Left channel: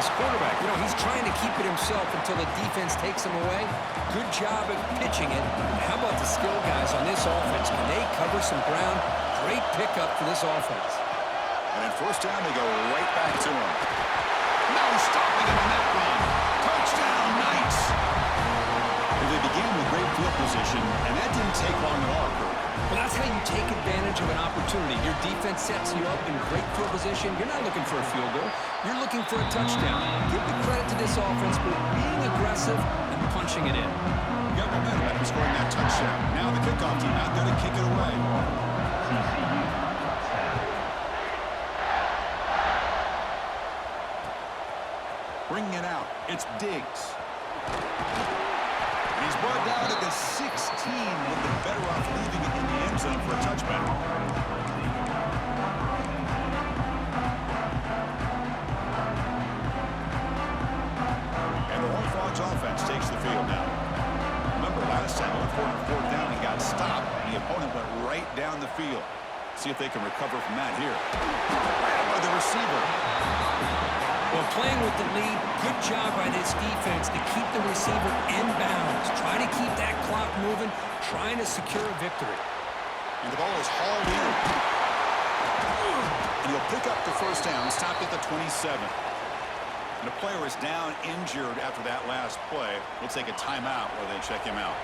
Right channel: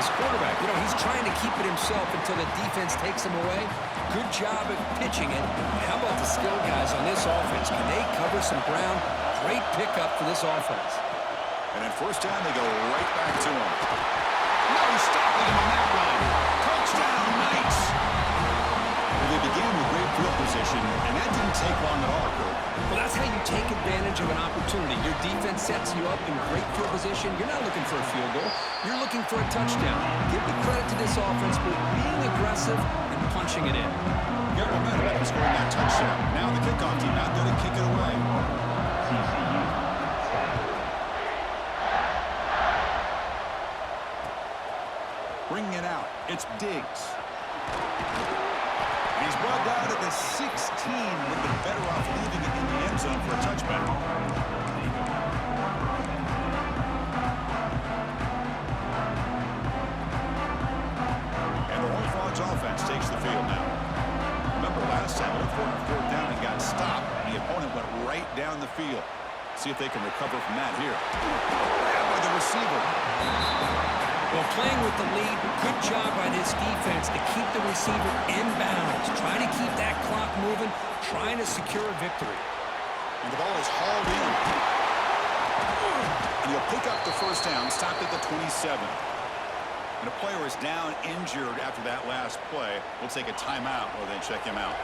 this quarterback. You know, he's trying to keep it himself until the defense takes him away. Good job at pitching it. How about the skill guys on this offense? Can they cover some ground? Great pickup for this offense. And in first down, they go right back to him. No stopping him on that run. Touchdown, Knights. Well, they began with great field position, and that didn't take long at all, Kirk. Well, that's how you take advantage of an opportunity. Your defense sets you up in great field position. You're not looking for a field goal. You're looking for a touchdown. Give the credit to this offense for being aggressive and punching it in. You got momentum after scoring that touchdown. Now the kickoff team out there to kick it away. Bringing it out, it's Diggs. And he's brought down at the 16, with the better off leaving it in the end zone for a touchback. And the Horned Frogs offense takes the field now. Remember last time they went for a fourth down and got stopped, and the opponent went right down the field. See if they can recover from that here. Grabbed by the receiver. Well, playing with the lead, good job by this defense to keep the receiver in bounds, trying to keep that clock moving, trying to secure a victory. And the ball is hauled in. And he'll pick up the first down, stopped at the 27. And a player is down injured after that last play. We'll take a timeout while they check him out.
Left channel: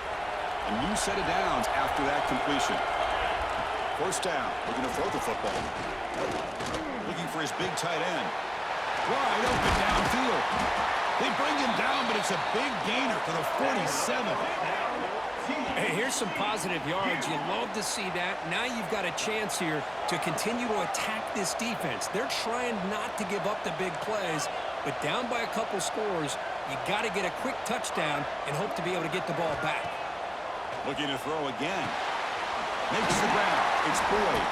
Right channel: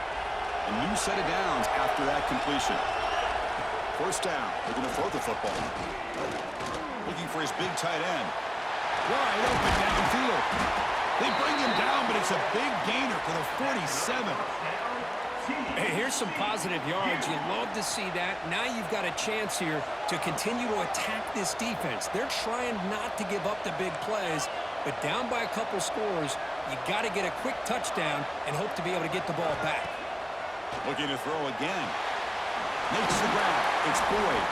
A new set of downs after that completion. First down, looking to throw the football. Looking for his big tight end. Wide open downfield. They bring him down, but it's a big gainer for the 47. Hey, here's some positive yards. You love to see that. Now you've got a chance here to continue to attack this defense. They're trying not to give up the big plays, but down by a couple scores, you got to get a quick touchdown and hope to be able to get the ball back. Looking to throw again. Makes the grab. It's Boyd.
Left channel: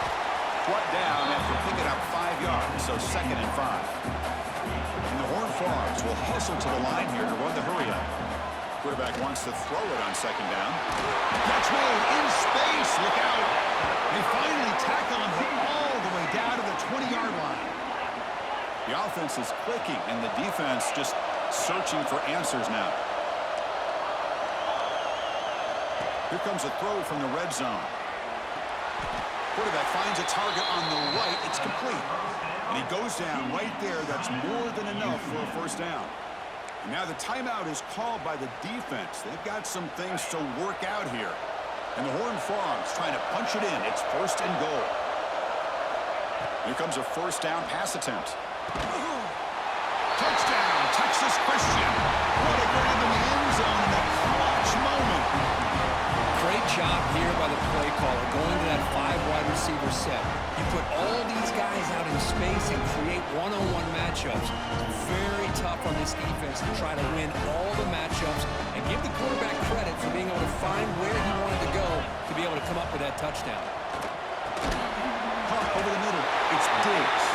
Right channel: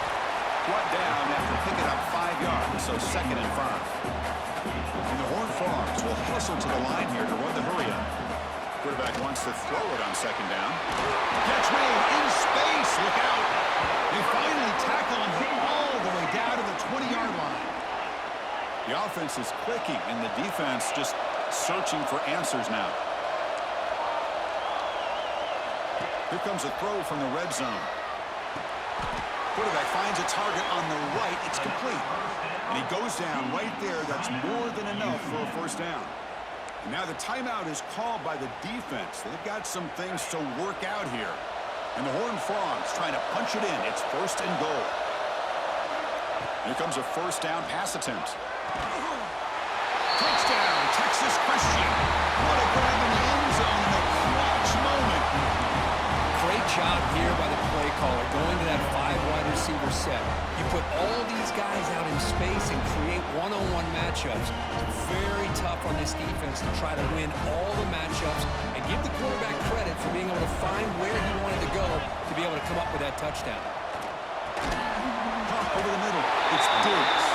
Brought down after picking up 5 yards, so 2nd and 5. And the Horned Frogs will hustle to the line here to run the hurry-up. Quarterback wants to throw it on 2nd down. Catch made in space. Look out. They finally tackle him all the way down to the 20-yard line. The offense is clicking, and the defense just searching for answers now. Here comes a throw from the red zone. Quarterback finds a target on the right. It's complete. And he goes down right there. That's more than enough for a first down. And now the timeout is called by the defense. They've got some things to work out here. And the Horned Frogs trying to punch it in. It's 1st and goal. Here comes a first down pass attempt. Touchdown, Texas Christian. What a grab in the end zone in a clutch moment. Great job here by the play caller going to that 5-wide receiver set. You put all these guys out in space and create one-on-one matchups. It's very tough on this defense to try to win all the matchups and give the quarterback credit for being able to find where he wanted to go to be able to come up with that touchdown. Pop over the middle. It's Diggs.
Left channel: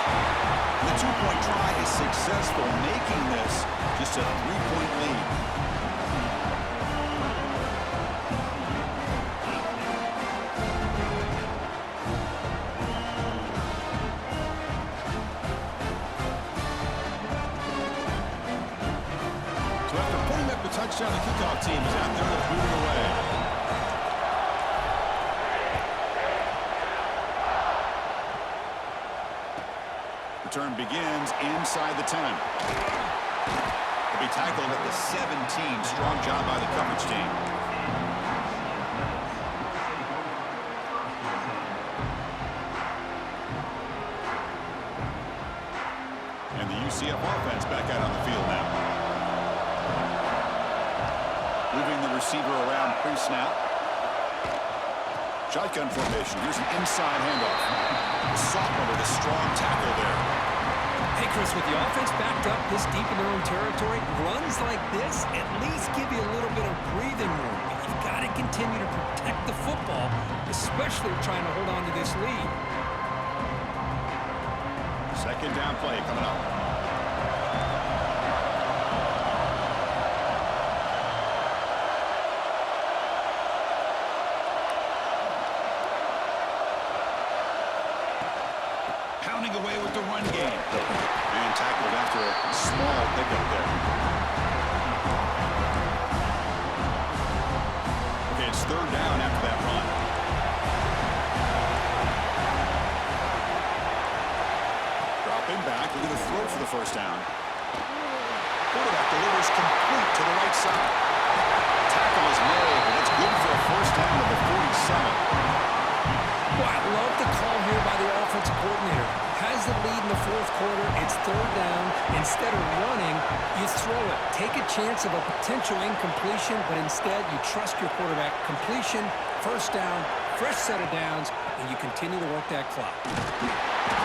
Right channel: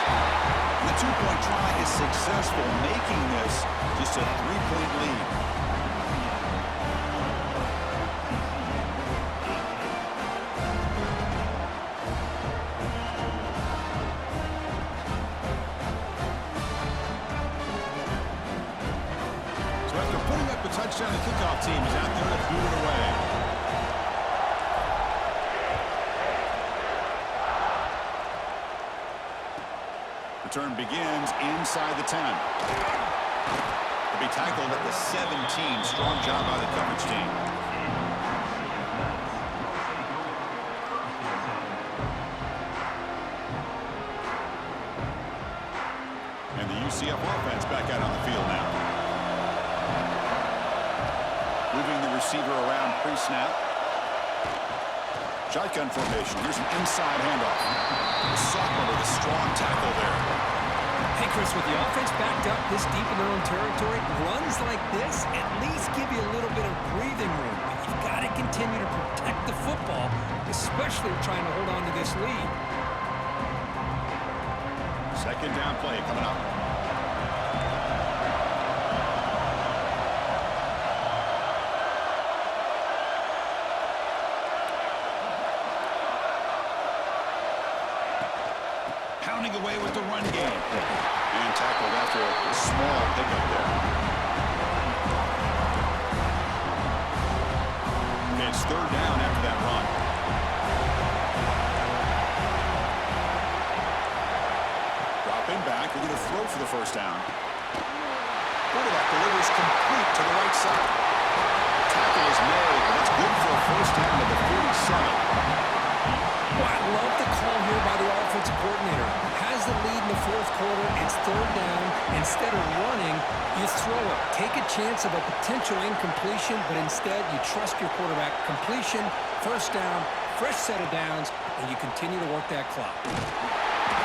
And the 2-point try is successful, making this just a 3-point lead. So after putting up the touchdown, the kickoff team is out there to boot it away. Return begins inside the 10. He'll be tackled at the 17. Strong job by the coverage team. And the UCF offense back out on the field now. Moving the receiver around pre-snap. Shotgun formation. Here's an inside handoff. The sophomore with a strong tackle there. Hey, Chris, with the offense backed up this deep in their own territory, runs like this at least give you a little bit of breathing room. But you've got to continue to protect the football, especially trying to hold on to this lead. 2nd down play coming up. Pounding away with the run game. And tackled after a small pickup there. Okay, it's third down after that run. Dropping back, looking to throw for the first down. Quarterback delivers complete to the right side. Tackle is made, but that's good for a first down at the 47. Well, I love the call here by the offensive coordinator. Has the lead in the fourth quarter. It's third down. Instead of running, you throw it. Take a chance of a potential incompletion, but instead you trust your quarterback. Completion, first down, fresh set of downs, and you continue to work that clock.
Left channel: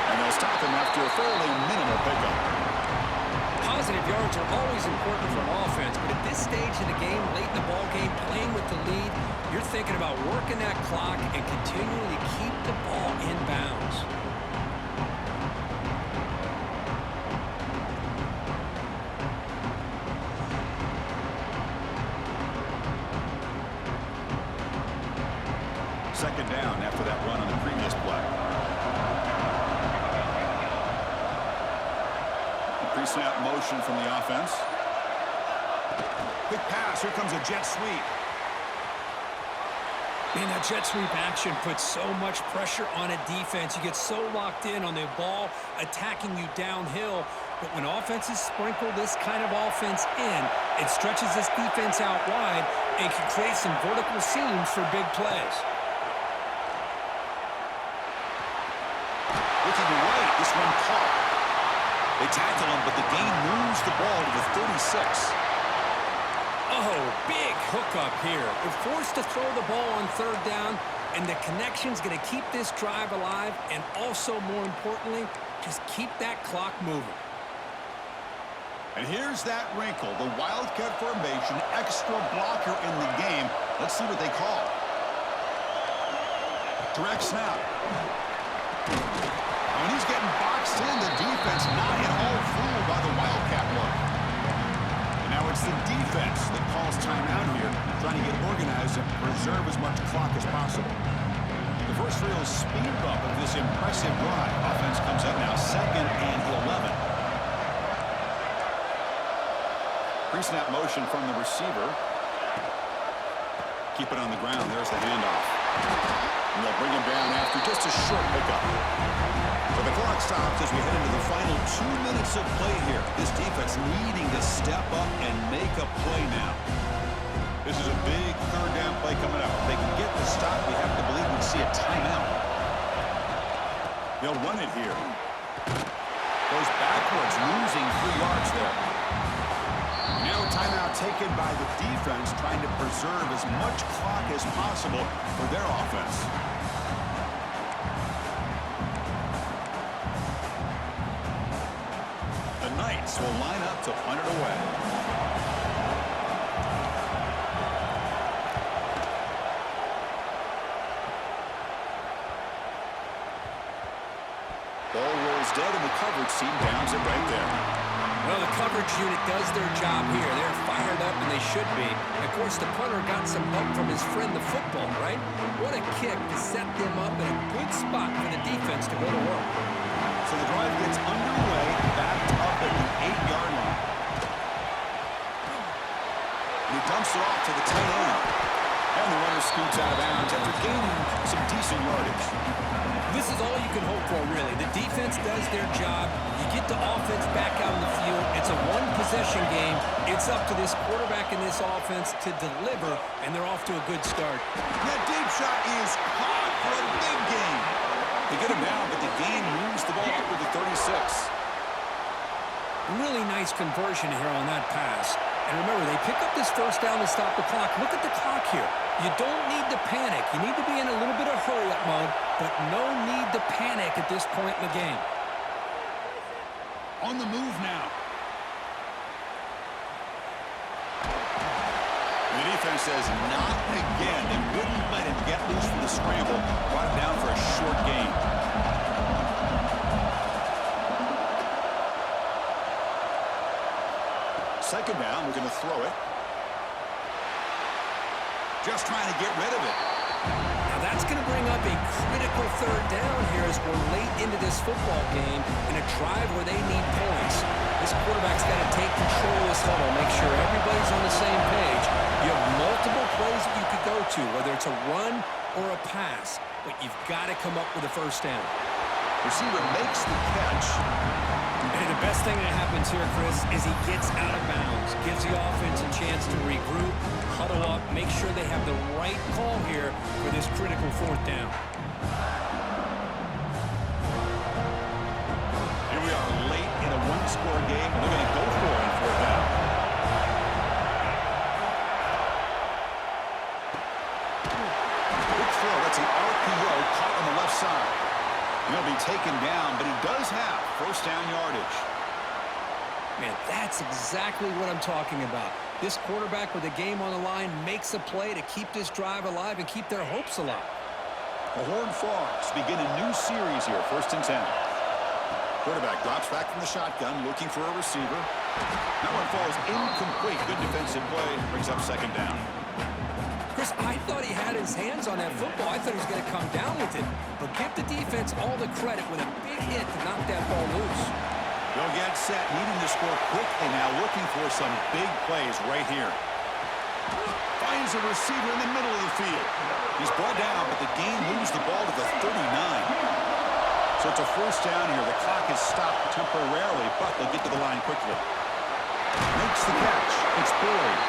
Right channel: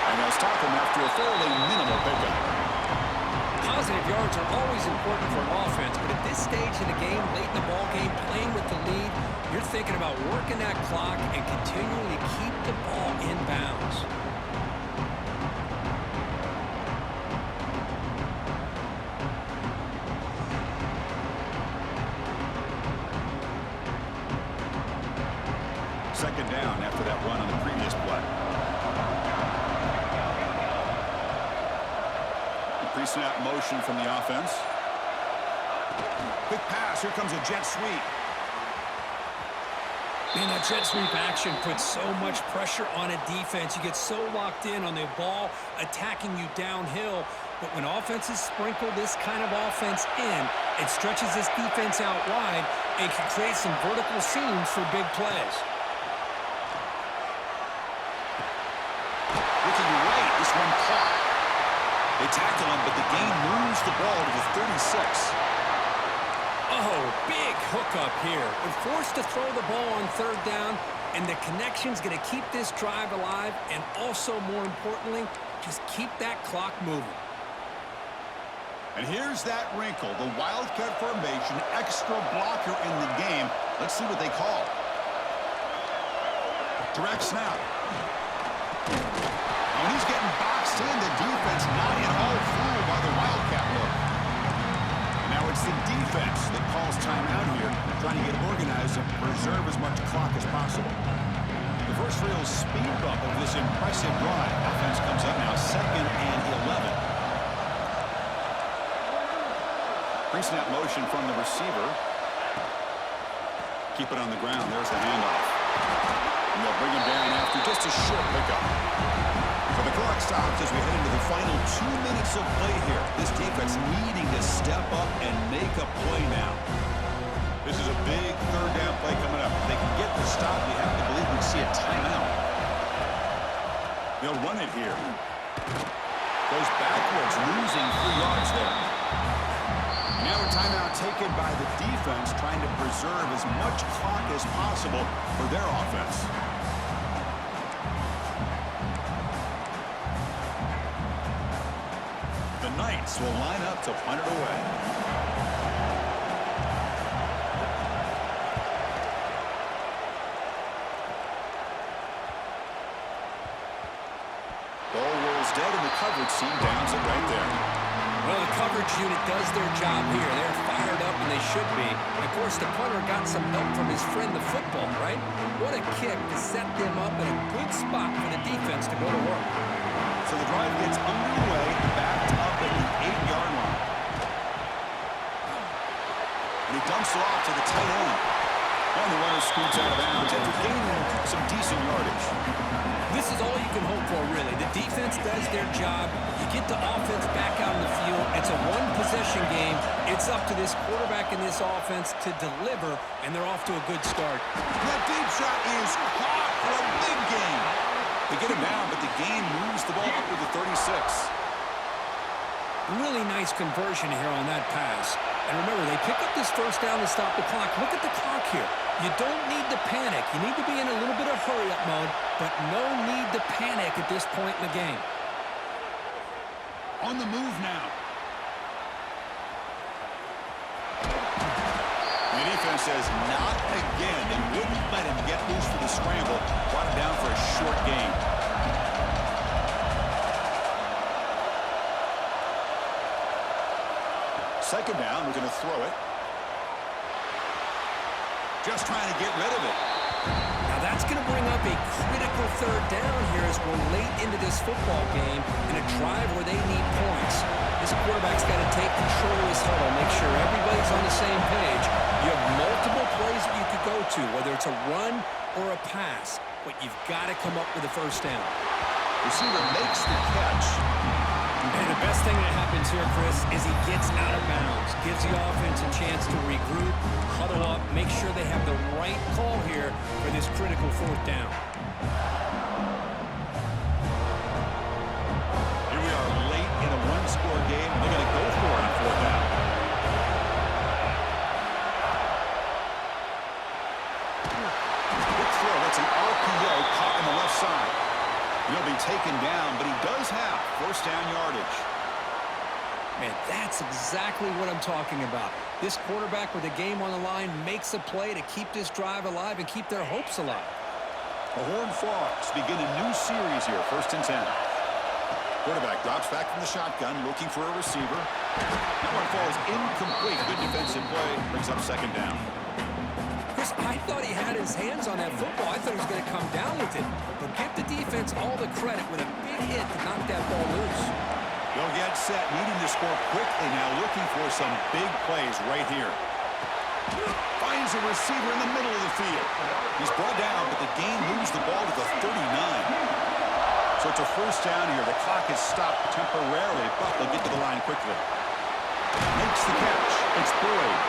And they'll stop him after a fairly minimal pickup. Positive yards are always important for an offense, but at this stage in the game, late in the ball game, playing with the lead, you're thinking about working that clock and continuing to keep the ball in bounds. Second down after that run on the previous play. Pre-snap motion from the offense. Quick pass. Here comes a jet sweep. Man, that jet sweep action puts so much pressure on a defense. You get so locked in on the ball attacking you downhill. But when offenses sprinkle this kind of offense in, it stretches this defense out wide and can create some vertical seams for big plays. Looking right, this one caught. They tackle him, but the gain moves the ball to the 36. Oh, big hookup here. They're forced to throw the ball on third down, and the connection's going to keep this drive alive, and also, more importantly, just keep that clock moving. And here's that wrinkle, the Wildcat formation, extra blocker in the game. Let's see what they call. Direct snap. When he's getting boxed in, the defense not at all fooled by the Wildcat look. And now it's the defense that calls timeout here, trying to get organized and preserve as much clock as possible. The first real speed bump of this impressive drive. Offense comes up now, 2nd and 11. Pre-snap motion from the receiver. Keep it on the ground. There's the handoff. And they'll bring him down after just a short pickup. So the clock stops as we head into the final 2 minutes of play here. This defense needing to step up and make a play now. This is a big third down play coming up. If they can get the stop, we have to believe we'd see a timeout. They'll run it here. Goes backwards, losing 3 yards there. And now a timeout taken by the defense, trying to preserve as much clock as possible for their offense. The Knights will line up to punt it away. Ball rolls dead and the coverage team downs it right there. Well, the coverage unit does their job here. They're fired up, and they should be. And of course, the punter got some help from his friend, the football, right? What a kick to set them up in a good spot for the defense to go to work. So the drive gets underway, backed up at the 8-yard line. And he dumps it off to the tight end. And the runner scoots out of bounds after gaining some decent yardage. This is all you can hope for, really. The defense does their job. You get the offense back out in the field. It's a one-possession game. It's up to this quarterback and this offense to deliver, and they're off to a good start. That deep shot is caught for a big gain. They get him down, but the gain moves the ball up to the 36. Really nice conversion here on that pass. And remember, they pick up this first down to stop the clock. Look at the clock here. You don't need to panic. You need to be in a little bit of hurry-up mode, but no need to panic at this point in the game. On the move now. And the defense says not again. They wouldn't let him get loose for the scramble. Brought him down for a short gain. Second down, we're going to throw it. Just trying to get rid of it. Now that's going to bring up a critical third down here as we're late into this football game in a drive where they need points. This quarterback's got to take control of this huddle, make sure everybody's on the same page. You have multiple plays that you could go to, whether it's a run or a pass, but you've got to come up with a first down. Receiver makes the catch. And the best thing that happens here, Chris, is he gets out of bounds, gives the offense a chance to regroup, huddle up, make sure they have the right call here for this critical fourth down. Here we are late in a one-score game, and they're going to go for it on fourth down. Big throw. That's an RPO caught on the left side. He'll be taken down, but he does have first down yardage. Man, that's exactly what I'm talking about. This quarterback with the game on the line makes a play to keep this drive alive and keep their hopes alive. The Horned Frogs begin a new series here, 1st and 10. Quarterback drops back from the shotgun, looking for a receiver. That one falls incomplete. Good defensive play, brings up 2nd down. Chris, I thought he had his hands on that football. I thought he was going to come down with it. But give the defense all the credit with a big hit to knock that ball loose. They'll get set, needing to score quickly now, looking for some big plays right here. Finds a receiver in the middle of the field. He's brought down, but the game moves the ball to the 39. So it's a first down here. The clock is stopped temporarily, but they'll get to the line quickly. Makes the catch. It's Boyd.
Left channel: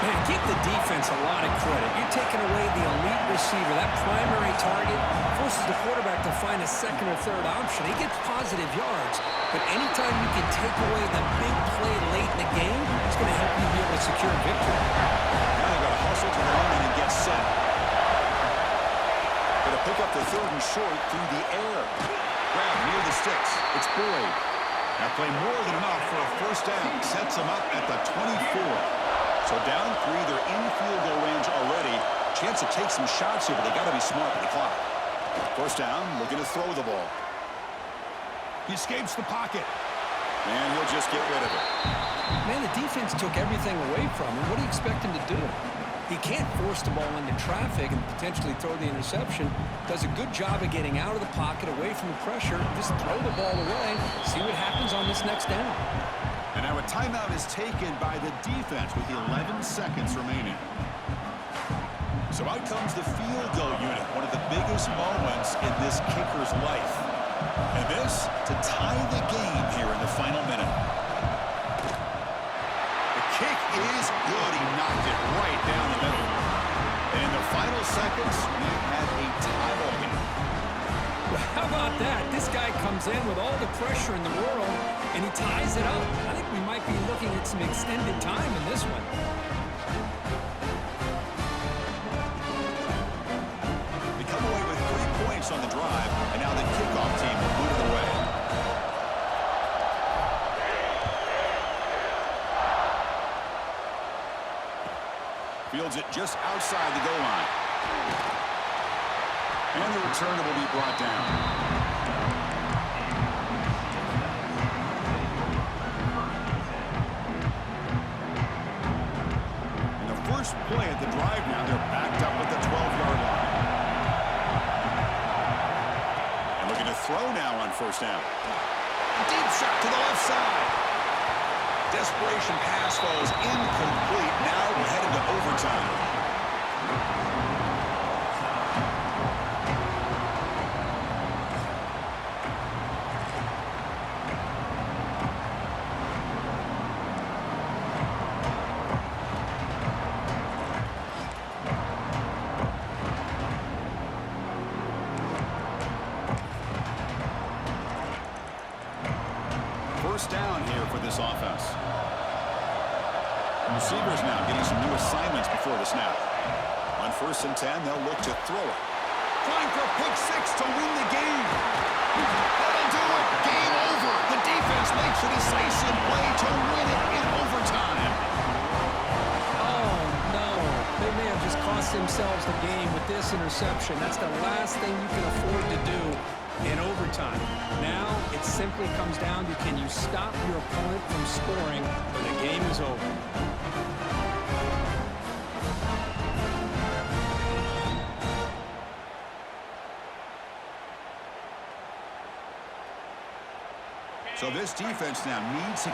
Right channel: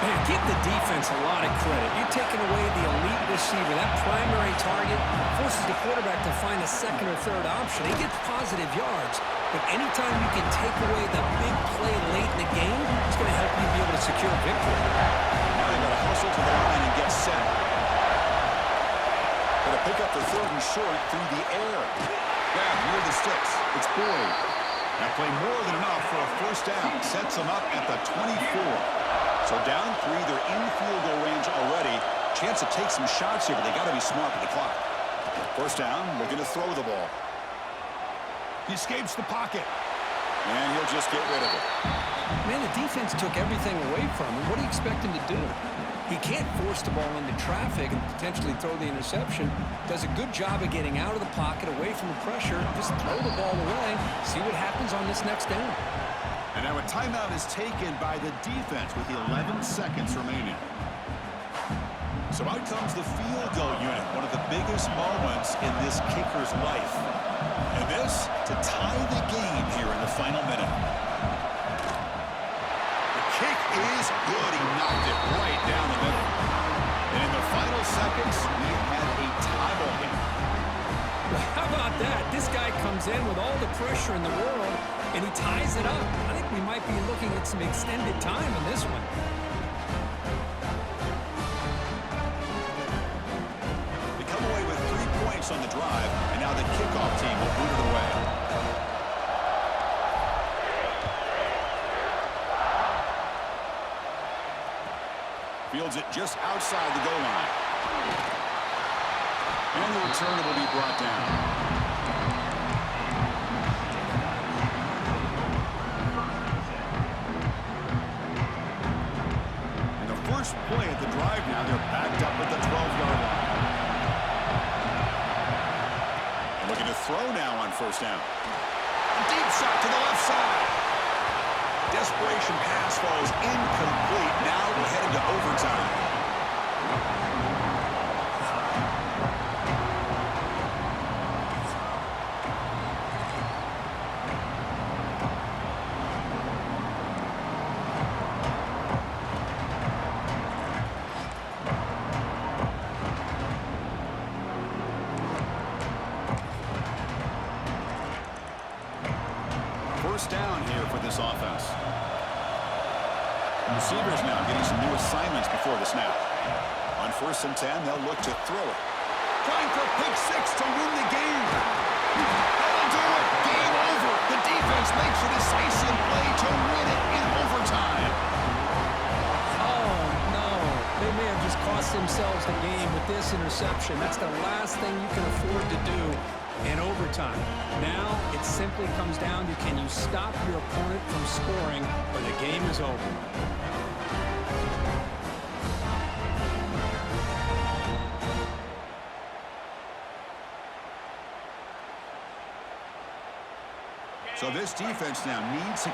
Man, give the defense a lot of credit. You're taking away the elite receiver. That primary target forces the quarterback to find a second or third option. He gets positive yards, but anytime you can take away the big play late in the game, it's going to help you be able to secure a victory. Now they've got to hustle to the line and get set. Got to pick up the 3rd and short through the air. Grab near the sticks. It's Boyd. That play more than enough for a first down. Sets them up at the 24. So down 3, they're in field goal range already. Chance to take some shots here, but they got to be smart with the clock. First down, looking to throw the ball. He escapes the pocket. And he'll just get rid of it. Man, the defense took everything away from him. What do you expect him to do? He can't force the ball into traffic and potentially throw the interception. Does a good job of getting out of the pocket, away from the pressure. Just throw the ball away. See what happens on this next down. And now a timeout is taken by the defense with 11 seconds remaining. So out comes the field goal unit, one of the biggest moments in this kicker's life. And this to tie the game here in the final minute. The kick is good. He knocked it right down the middle. And in the final seconds, we had a tie ball game. How about that? This guy comes in with all the pressure in the world, and he ties it up. I think we might be looking at some extended time in this one. They come away with 3 points on the drive, and now the kickoff team will boot it away. Fields it just outside the goal line. And the returner will be brought down. And the first play at the drive now, they're backed up at the 12-yard line. And looking to throw now on first down. A deep shot to the left side. Desperation pass falls incomplete. Now we're headed to overtime. First down here for this offense. Receivers now getting some new assignments before the snap. On 1st and 10, they'll look to throw it. Trying for pick 6 to win the game. That'll do it. Game over. The defense makes a decisive play to win it in overtime. Oh, no. They may have just cost themselves the game with this interception. That's the last thing you can afford to do in overtime. Now it simply comes down to, can you stop your opponent from scoring, or the game is over. So this defense now needs to